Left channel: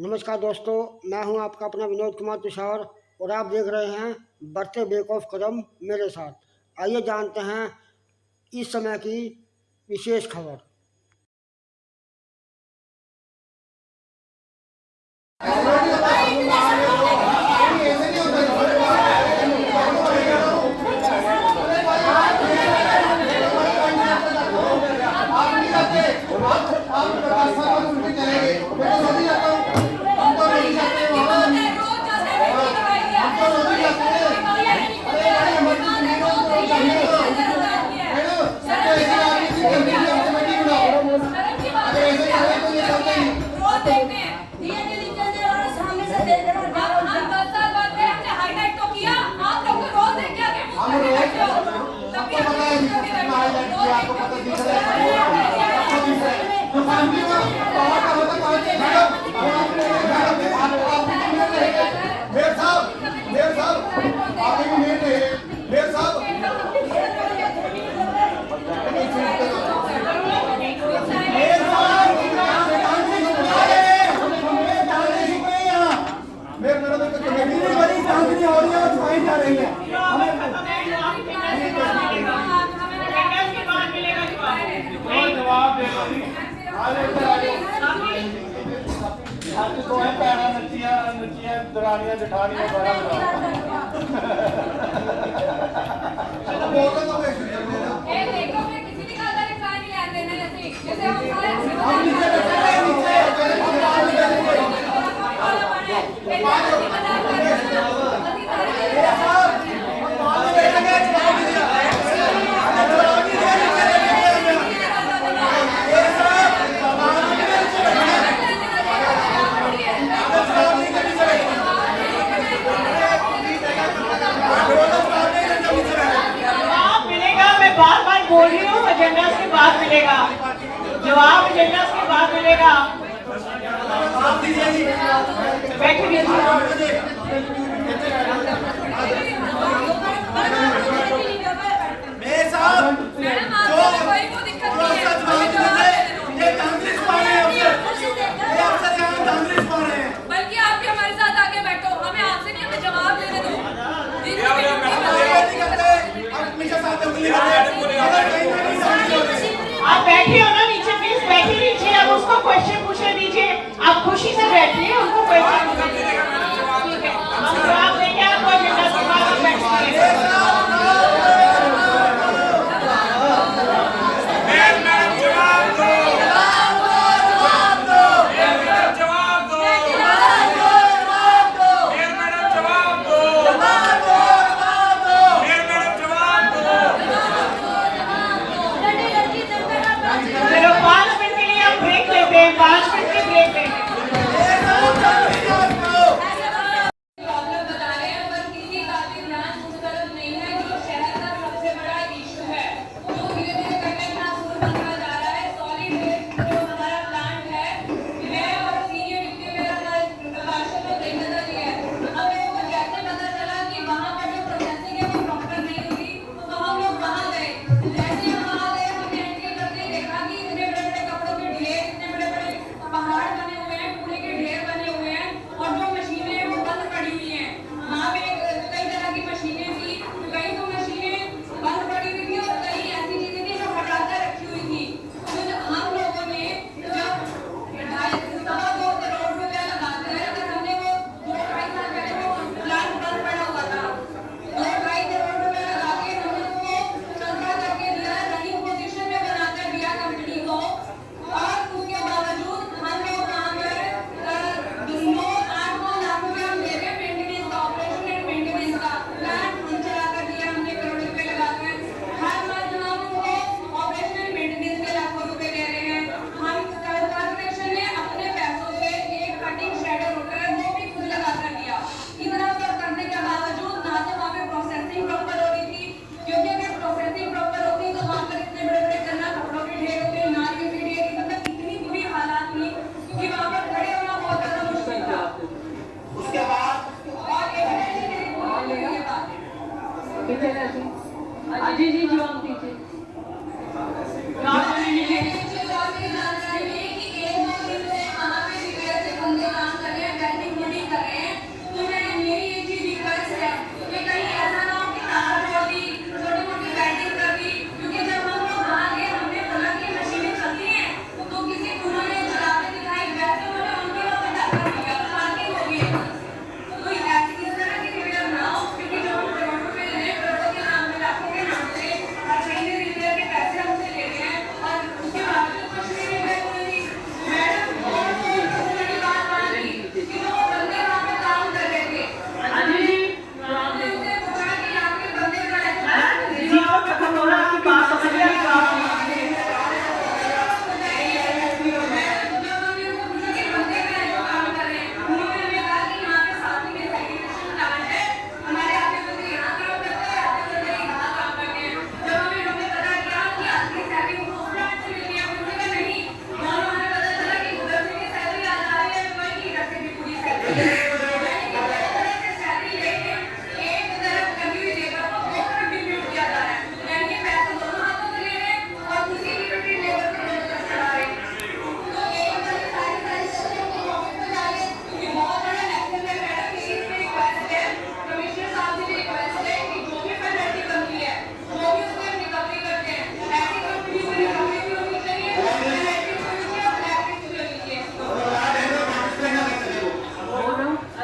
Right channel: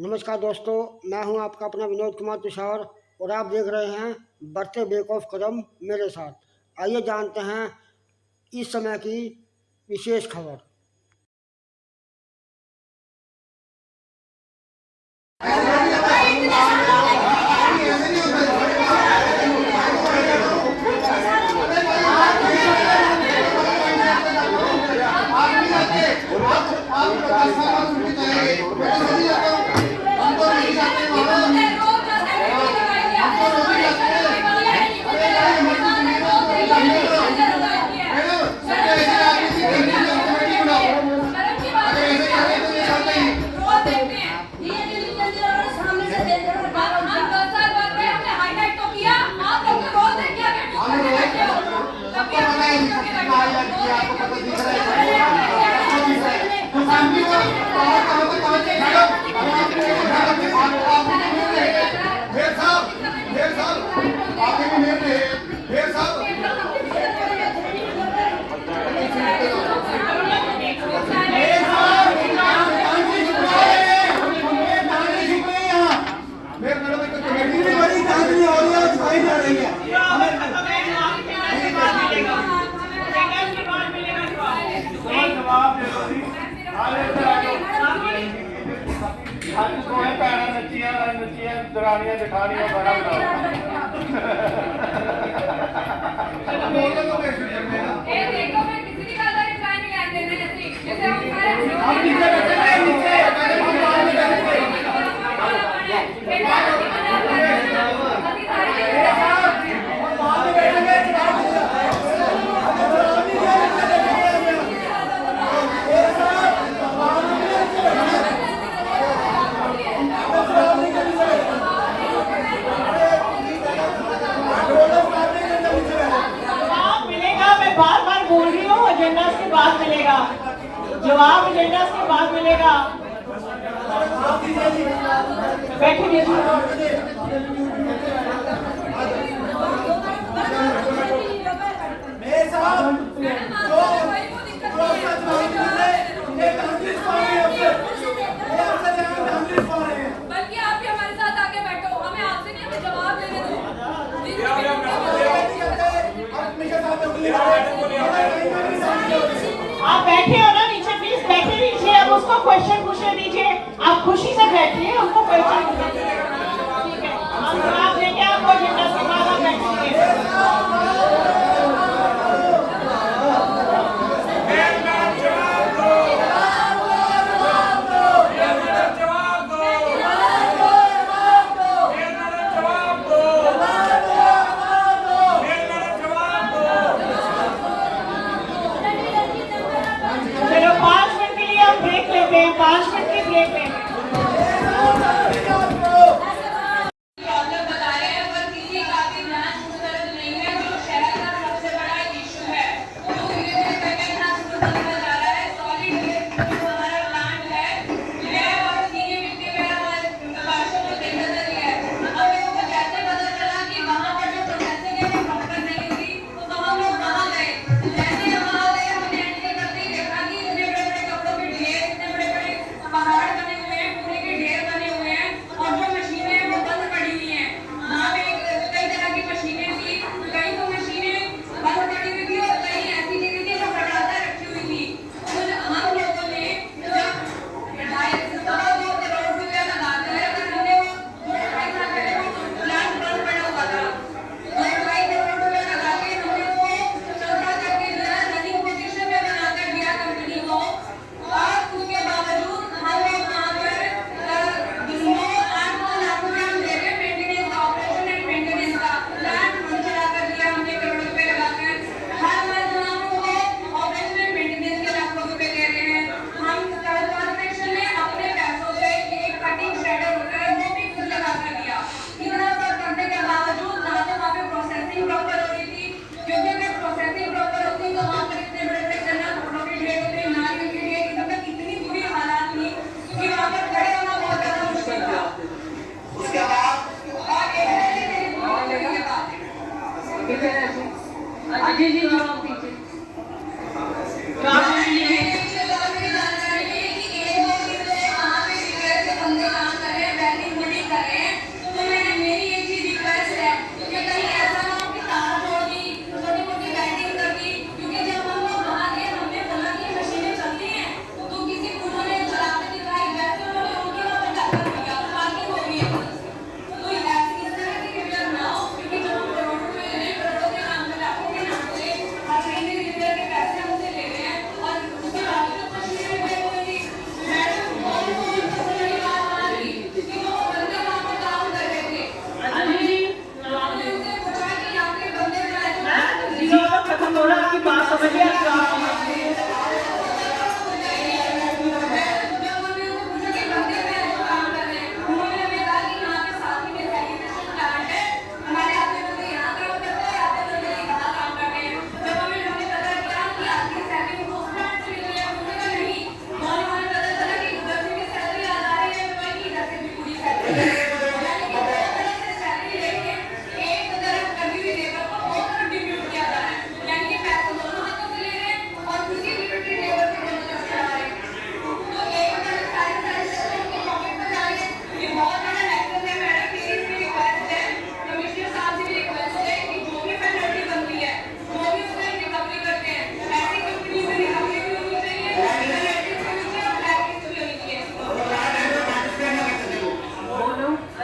नमस्कार दोस्तों, मैं हूं आपका अपना विनोद कुमार तुषार और आप देख रहे हैं बढ़ते बेक ऑफ कदम मेरे साथ। आइए जानते हैं इस समय की विशेष खबर। दरानियां जेठानियां बड़ा देखो मैं किसी की खातर के टाइम नहीं आते ना जैसे हम बोल रही हूँ एजेंडा के बाद मिलेगा जवाब, एजेंडा के बाद मिलेगा। बैठिए बल्कि आप भी हमारे साथ आके बैठो, हमें आपसे नहीं, हमें जवाब लेने दो। आप बैठे हो ना नीचे, प्लीज बैठे नीचे। अब उसको क्वेश्चन पूछने दीजिए, आप खुशी से बैठिए, उनको क्वेश्चन पूछिए। ठीक है, आप लेके आपको एजेंडा के बाद बैठिए। अजय जी जवाब दीजिए। काम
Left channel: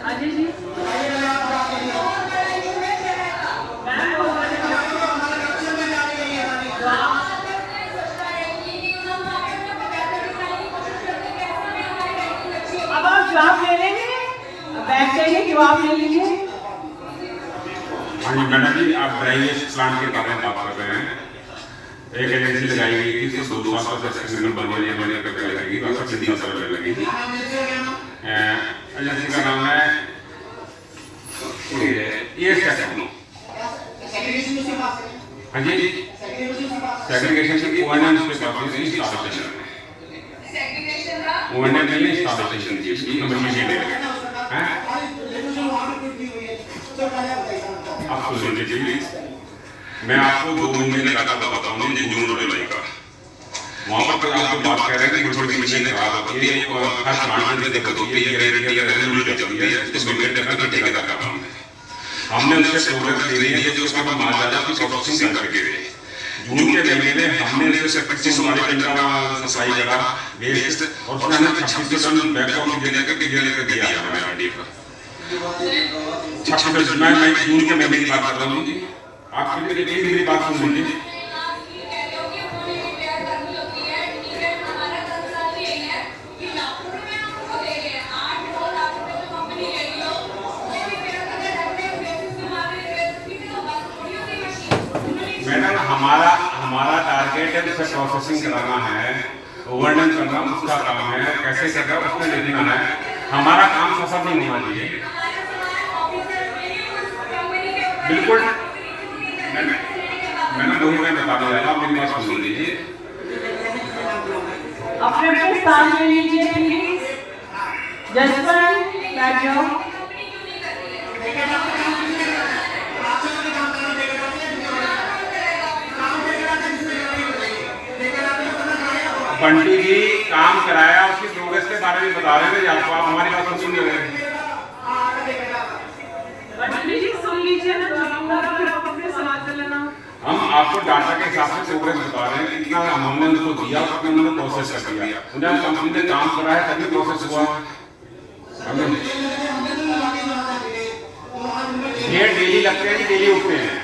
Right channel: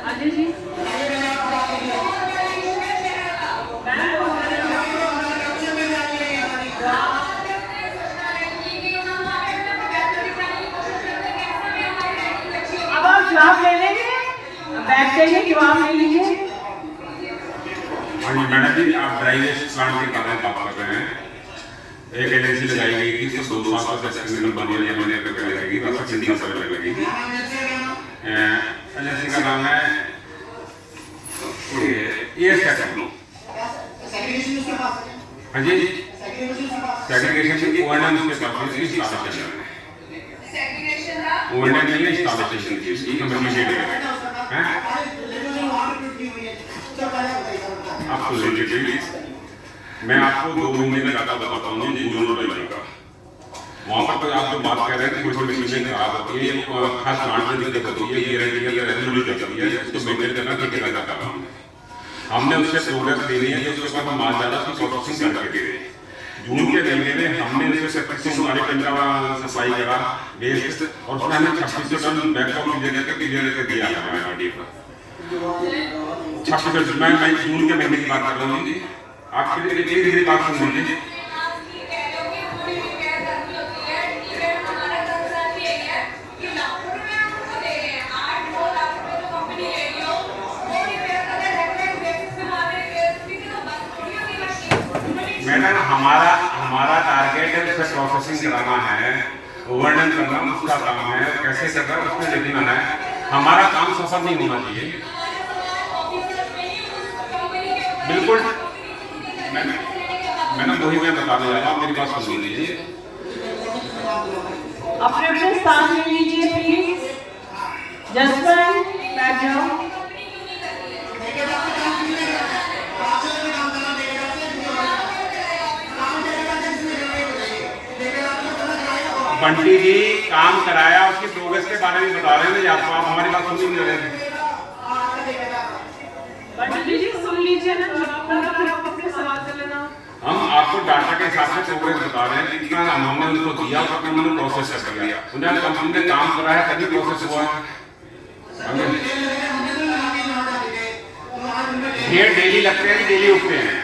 अजय जी अब आप जवाब ले लेंगे, बैठ जाइए, जवाब ले लीजिए। हाँ मैडम जी, आप ड्राइनेज प्लांट के बारे में बात कर रहे हैं। एक एजेंसी लगाई गई थी, इसको 2 साल तक सिग्नल बनवाने का लगाई गई, 3 साल लगी थी। एजेंसी का नाम है ये टेक्नो। हाँ जी, सेग्रीगेशन की ओएनएम उसके पास है, इंस्टॉलेशन ओएनएम नहीं इंस्टॉलेशन की, इसकी कम्युनिकेट है। आप सुन लीजिए प्लीज, मैं आपको 2 महीने का बताता हूँ जून और जुलाई का। वहाँ पर तो आप बात कर रहे हैं कि थोड़ी मशीन खराब होती है और हर प्लांट में दिक्कत होती है, रेगुलर चलती है, इसको मेंटेन करना ठेकेदार का काम है। हमने उससे प्रोग्रेस दे रही है कि उसका हम माल जाता की प्रोसेसिंग करके दे। जून के महीने में हमने उससे 25 टन का सफाई करा वेस्ट, और उसमें हमने 26 टन बैकअप क्लियर कर दिया है हमारे आरडी पर। 26 मैं जून के महीने की बात कर रहा हूँ। आप मेरी बात सुन लीजिए। मैडम हमारा टारगेट है उसे प्रोसेसिंग कराना है, ओवरडन करना उसका काम है, कैसे करना उसमें लेना है। हमारा काम सफल नहीं होना चाहिए। बिल्कुल मैडम वही मैं बता रहा हूँ, मेरी बात सुन लीजिए। अपने स्थान ले लीजिए प्लीज। जसवंत बैठ जाओ। बंटी जी काम कराया, उसकी प्रोग्रेस के बारे में बता रहे हैं, आपको आप हमारी बात सुन नहीं रहे हैं। बंटी जी सुन लीजिए ना, जवाब फिर आप अपने सवाल कर लेना। हम आपको डाटा के हिसाब से प्रोग्रेस बता रहे हैं, कितना हमने उनको दिया और उन्होंने प्रोसेस कर दिया। उन्हें हम कंपनी ने काम कराया तभी प्रोसेस हुआ। ढेर डेली लगते हैं, डेली उठते हैं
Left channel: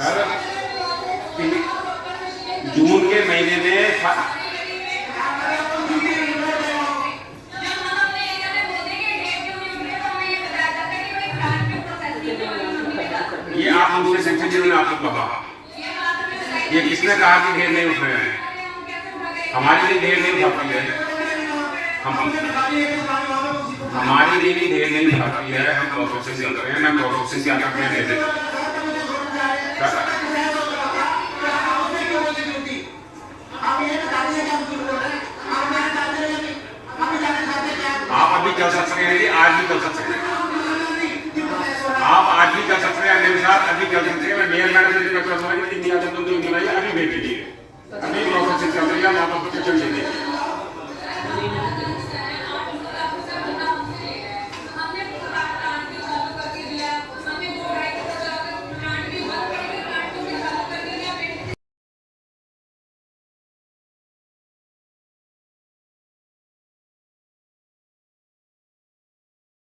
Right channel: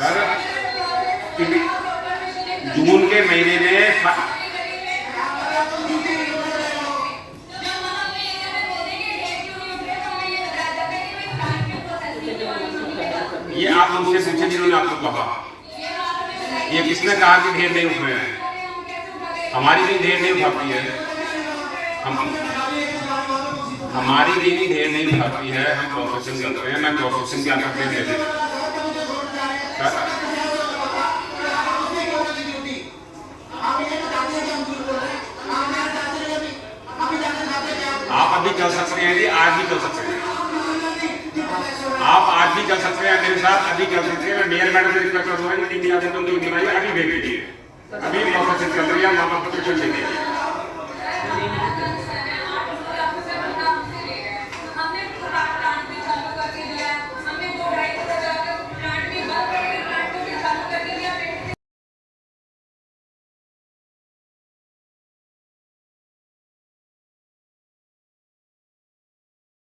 सर। जून के महीने में ये आप मुझसे पूछे जिन्होंने आपको कहा, ये किसने कहा कि ढेर नहीं उठ रहे हैं? हमारी भी ढेर नहीं उठाती है, हमारी भी ढेर नहीं उठाती है। हम प्रोसेसिंग कर रहे हैं, मैं प्रोसेसिंग क्या करते हैं दे देता। आप अभी चल सकते हैं जी, आज भी चल सकते हैं आप, आज भी चल सकते हैं मेरे साथ, अभी चल सकते हैं। मेयर मैडम से रिक्वेस्ट करूंगा कि 3 दिन अभी भेज दीजिए, अभी प्रोसेसिंग चल रही है, आप अप्लीकेशन दे दीजिए।